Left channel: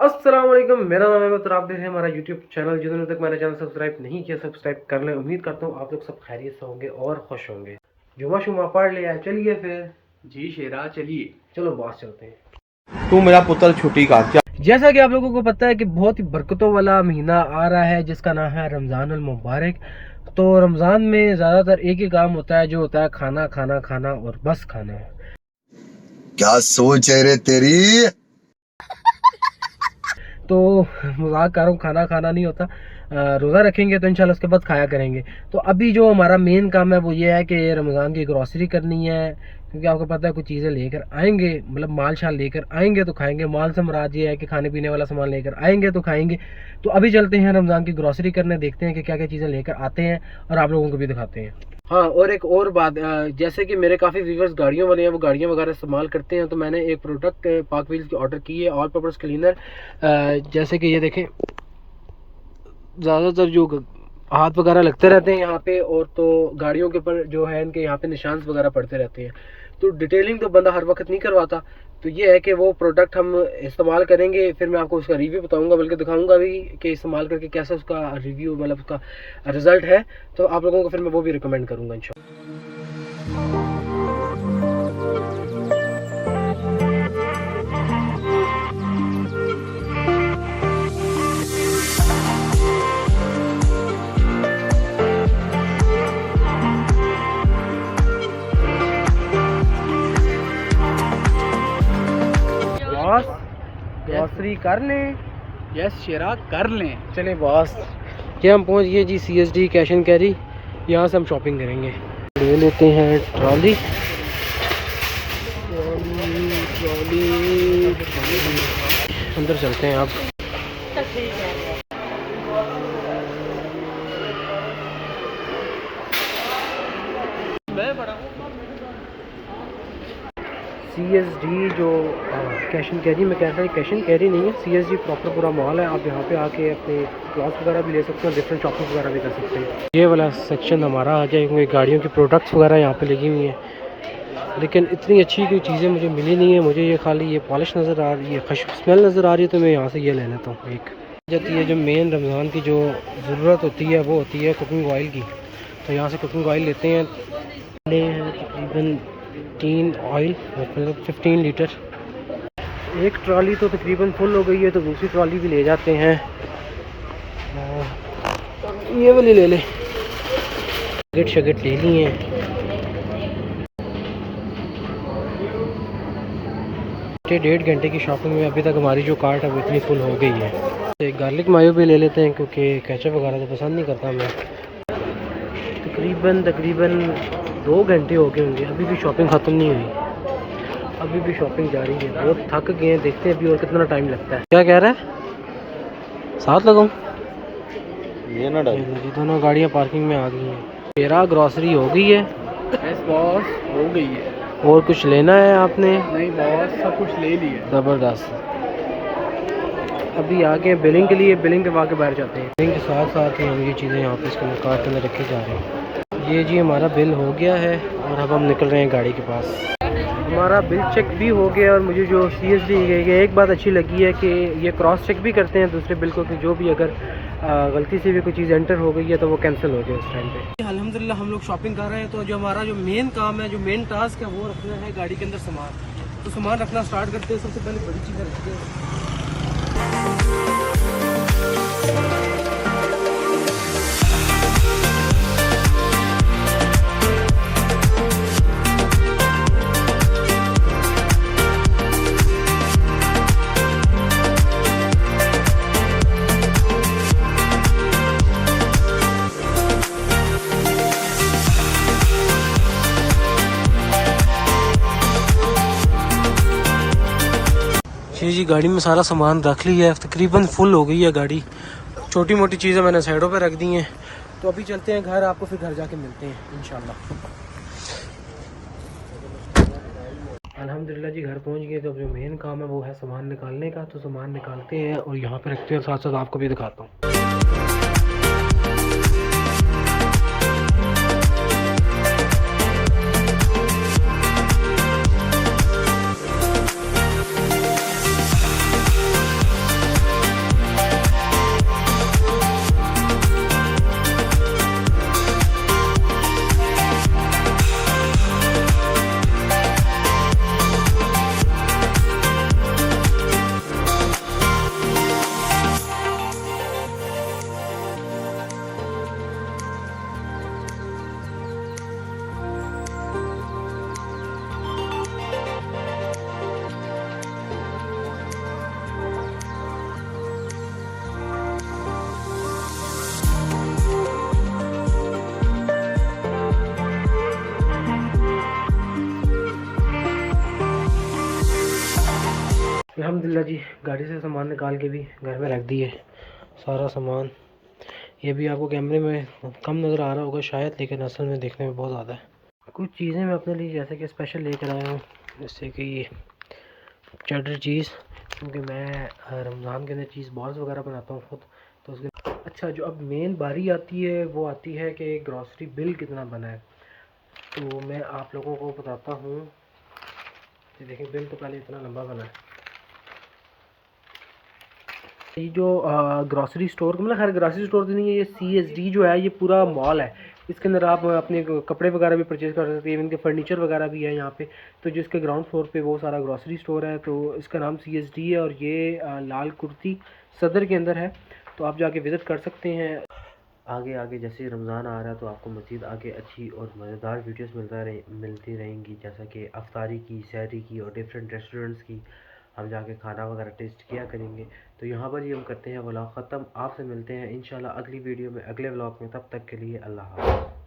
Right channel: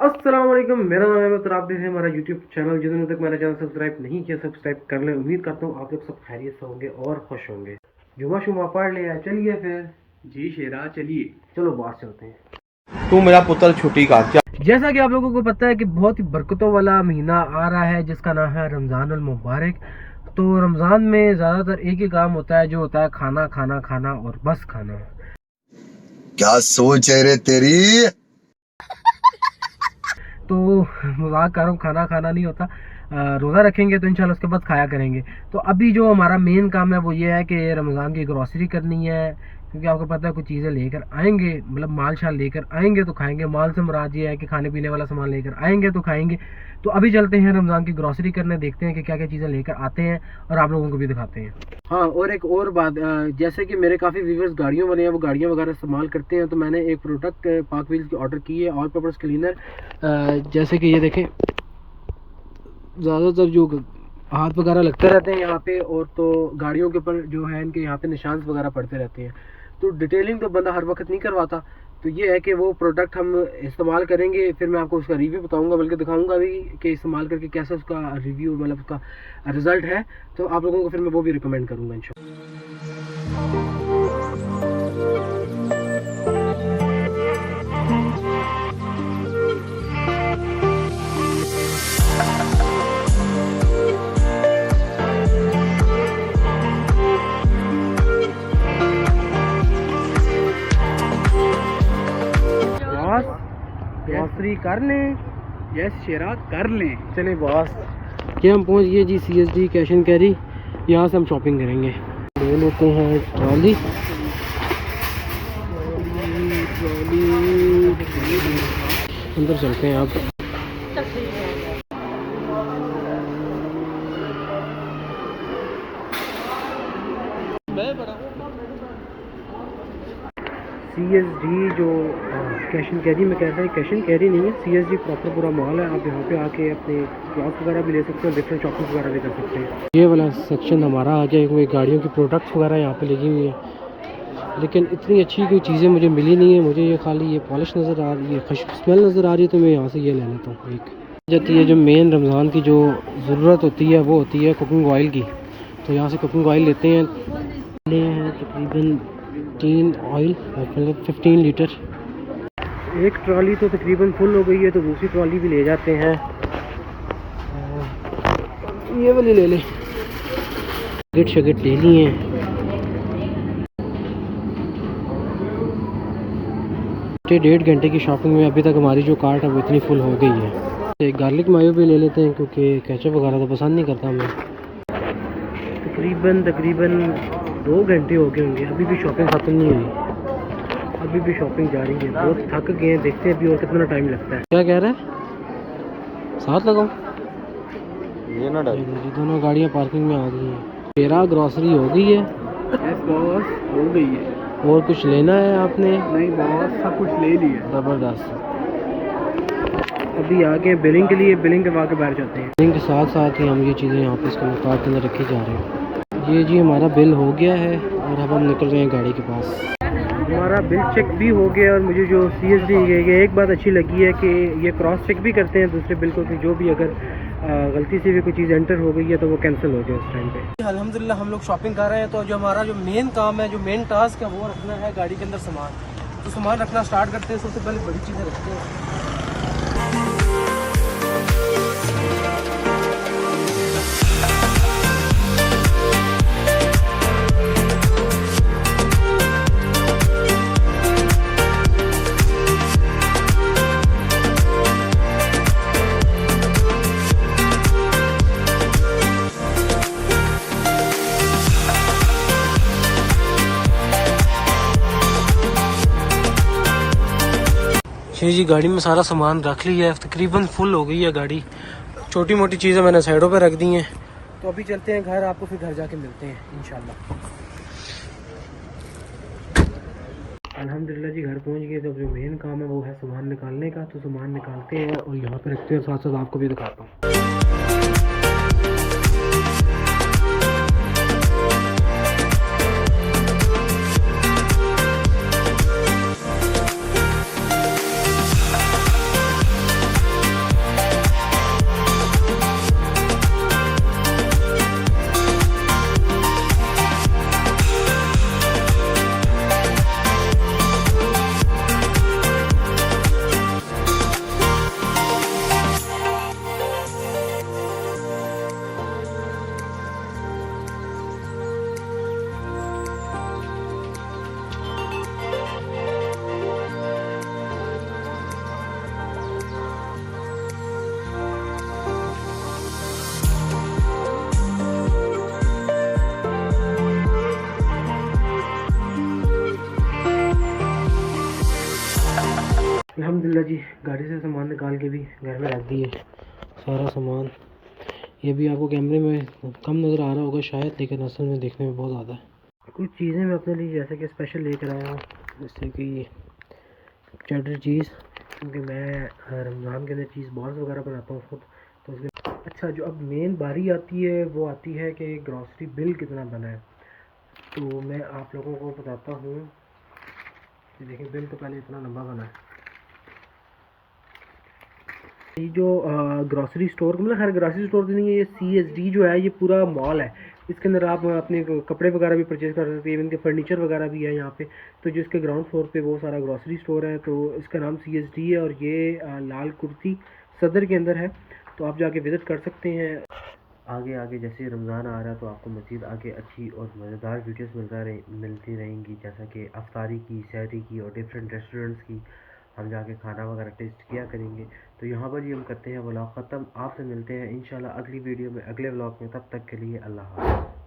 अस्सलाम वालेकुम, मेरा नाम है तो आप देख रहे हैं हमारा यूट्यूब चैनल। जिन्होंने तक मेरा चैनल सब्सक्राइब नहीं किया सब्सक्राइब कर लें। उम्मीद करता हूँ आप लोग सब खैरियत से होंगे और खुश होंगे। जुमा शुमा पढ़ लिया है, चलिए फिर जी शेरा चलिए। चलो बात चलते हैं। तू मेरा पुत्र छुट्टी का क्या? जैसा कि आप लोगों को पता है कि बहुत ही बरकतों वाला महीना आ रहा है जिसका नाम है रमज़ानुल मुबारक। तो रमज़ान में ज़्यादातर एक ही काम होता है, जो होता है खाना खाना खाना और बस खाना। क्या सोच है रे तेरी? तो मजाक कर रहा हूँ, खाना खाना नहीं होता। रोज़ा रखेंगे तो इंशाल्लाह उसके बाद खाया करेंगे। तो अभी जो हमारा मेन काम है वो ये है कि रमज़ान की ग्रॉसरी करनी है, क्योंकि आपको पता है कुछ चीज़ें लेकर आएंगे, मतलब माल शाल लेकर आएंगे तो खाएंगे। माल से मुराद ये है कि खाने पीने वाला सामान लेकर आएंगे तो खाएंगे। तो अभी चलते हैं रमज़ान की ग्रॉसरी करने, देखते हैं कि क्या क्या चीज़ें लेकर आते हैं और आप लोगों को भी दिखाते हैं। हाँ, और एक और बात, जैसे कि मेरे काफ़ी व्यूवर्स गाड़ियों वाले हैं, वो गाड़ियाँ वगैरह इस्तेमाल करते हैं। तो मैंने एक प्रोडक्ट पाक व्हील्स की ऑर्डर की है, ऑल पर्पस क्लीनर। जैसे कि ये देखें, ज़्यादातर जो हाथ वगैरह लगते रहते हैं यहाँ पे, और तो गाड़ियों के ऊपर जो है इनके यहाँ पे निशान वगैरह पड़ते रहते हैं। तो डिटेलिंग तो बंदा हर वक्त नहीं करवाता। तो ये है कि वो प्रोडक्ट हम इस्तेमाल करेंगे, फिर मैं आपको उसका रिव्यू बताऊंगा, बल्कि दिखाऊंगा भी कि इस्तेमाल करके कैसा उसका रिव्यू, मतलब उसका रिज़ल्ट है। तो आप लोगों को फिर मैं वो भी रिकमेंड करूँगा इंशाल्लाह। ग्रॉसरी कर लें। यस शेरा कर लें। चले बॉस, क्या हम पहुंच गए जी CSD कैश एंड कैरी। यहाँ से हम शॉपिंग करेंगे। ले लेते हैं ट्रॉली। अंदर चलते हैं आप। CSD जो कैश एंड कैरी में कहता है, कैश एंड कैरी नहीं है, CSD प्रॉपर पूरा मॉल है। आप यहाँ पे आके अपने क्लॉथ वगैरह भी ले सकते हो, डिफरेंट शॉपिंग वगैरह भी कर सकते हैं। ये वाला सेक्शन हमारा आ जाए, क्योंकि गाड़ियों की प्रोडक्ट्स वगैरह यहाँ पे लगी हुई हैं, लेकिन इतनी अच्छी कोई चीज़ें मुझे मिली नहीं है। मुझे ये खाली ये पॉलिश नज़र आ रही है, खुशबू स्मेल नज़र आ रही है, तो मैं यहाँ से ये ले लेता हूँ। एक जाती है जो मेन रमज़ान की जो ज़रूरत होती है वो होती है कुकिंग ऑयल की। तो यहाँ से कुकिंग ऑयल लेते हैं। तकरीबन 3 ऑयल, मतलब 15 लीटर। एक ट्रॉली तो तकरीबन फुल हो गई है, तो दूसरी ट्रॉली भी ले जाते हैं। ये वाली ले लें, गिट शगिट ले लिए हैं। डेढ़ घंटे की शॉपिंग में अभी तक हमारी जो कार्ट है वो इतनी फुल हो गई है। एक गार्लिक मायो भी ले लेते हैं, क्योंकि केचप वगैरह तो पसंद नहीं करता मैं। तकरीबन 2 घंटे हो गए होंगे, अभी भी शॉपिंग ख़त्म नहीं हुई, अभी भी शॉपिंग जारी है। बहुत थक गए हैं, देखते हैं अभी और कितना टाइम लगता है। क्या कह रहा है, साथ लगाऊं? ये ना जी, दोनों गाड़ियाँ पार्किंग में आ गई हैं। मेरा ग्रॉसरी हो गई है। यस बॉस, हो गई है। और कुछ लेना है आपने? नहीं बॉस, सब कुछ ले लिया। ज़बरदस्त। अभी आ गए बिलिंग के लिए, बिलिंग करवा के बाहर जाते हैं। बिलिंग के साथ साथ ही हम ये चीज़ें यहाँ पे इसके अंदर कार्ट के अंदर रखी जा रहे हैं। ये जी हमारा बिल हो गया है और अब हम निकल रहे हैं गाड़ी के पास। हमारा बिल चेक भी हो गया, और मुझे जो CSD एक बात अच्छी लगी है कि ये क्रॉस चेक भी करते हैं दूसरे बिल को, कि जो भी अगर गलती से भी कोई चीज़ एंटर हो गई है तो वो कैंसिल हो जाए उस टाइम पे। अल्हम्दुलिल्लाह हम लोग शॉपिंग कर रहे हैं। तो जो हमारा जो मेन काम है, जो मेन टास्क है, वो रखना है गाड़ी के अंदर सामान। तो सामान रखना स्टार्ट करते हैं। सबसे पहले बड़ी चीज़ें रखते हैं। ये जी गाड़ी में सारा सामान रख लिया है, तकरीबन फुल हो गई है गाड़ी। छोटी मोटी चीज़ें मैंने साइडों पे रख दी हैं। तो अभी चलते हैं घर, आपको फिर घर जाके मिलते हैं इंशाल्लाह। अल्हम्दुलिल्लाह जी घर पहुंच गए। तो जो मेन काम है वो है सामान निकालने का। तो सामान निकालते हैं और यहाँ पे रखते हैं, साथ साथ आपको भी दिखाता हूँ। अल्हम्दुलिल्लाह जी, गाड़ी से सामान निकाल के भी घर में रख दिए सारा सामान। ये भी आपको कैमरे में कम नज़र आ रहा होगा शायद, लेकिन असल में देखने में बहुत ज़्यादा है। कुछ चीज़ें मैं अपने लिए जैसे कि स्पेशल लेकर आया हूँ, जैसे कि ये चेडर चीज़, क्योंकि मैं रमज़ान के अंदर चीज़ बॉल्स वगैरह बनाता हूँ खुद, तो उसके अच्छा जो अब मेन बारी आती है वो आती है कि ग्रॉसरी बिल कितना बना है। तो मैं आप लोगों को बताता हूँ कि देखें, बिल तो पहले इतना लंबा बना है। ये जो ग्रॉसरी स्टोर मतलब खैर ग्रॉसरी स्टोर तो नहीं है, ये CSD जो है ये पूरा मॉल है। इसके अंदर आप अपने कपड़े वगैरह भी परचेज़ कर सकते हैं, इवन के फर्नीचर वगैरह भी है यहाँ पे। तो जो इसके ग्राउंड फ्लोर पे वो सारा ग्रॉसरी स्टोर है, तो इसका नाम CSD है और ये लाल कुर्ती सदर के अंदर है, तो आप जाके विज़िट कर सकते हैं। आगे आगे जैसे रमज़ान आ रहा है तो आपको मज़ीद आगे अच्छी और मज़ेदार वीडियोस मिलती रहेंगी, जैसा कि अफ्तारी की, सहरी की और डिफरेंट रेस्टोरेंट्स की हम जाके खाना वगैरह टेस्ट किया करेंगे। तो यहाँ पर ही हम करते हैं व्लॉग ख़त्म। आपसे मिलते हैं इंशाल्लाह अगली वीडियो में, अगले व्लॉग में। तब तक के लिए अल्लाह हाफ़िज़।